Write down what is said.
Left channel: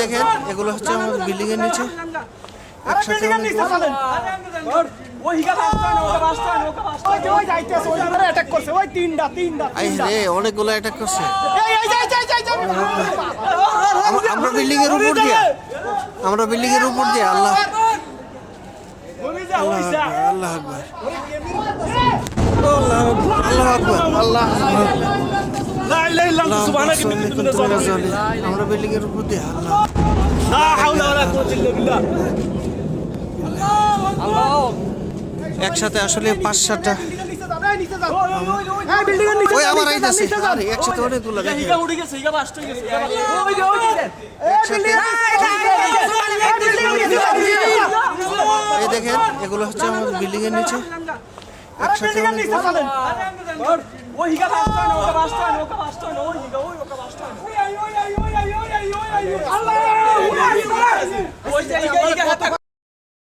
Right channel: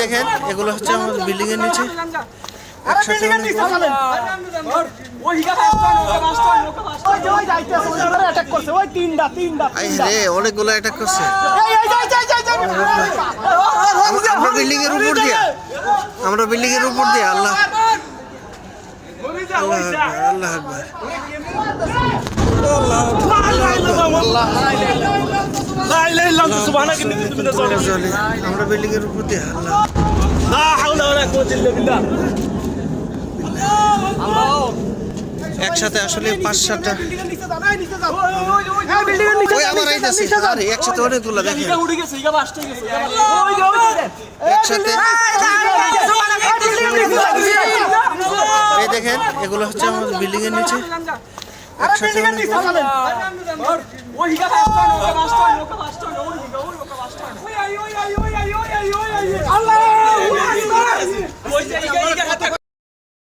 দেখেন এগুলো হচ্ছে আমাদের বিল্ডিং এর নিচে একসাথে অনেকগুলো অ্যাটাক করছে। আমরা বিল্ডিং এর উপর দিয়ে আল্লাহ আল্লাহ আল্লাহ আকবার আমরা বিল্ডিং এর উপর দিয়ে একসাথে আসলে 5-7টা একসাথে অনেকগুলো দেখেন এই দেখেন এগুলো হচ্ছে আমাদের বিল্ডিং এর নিচে একসাথে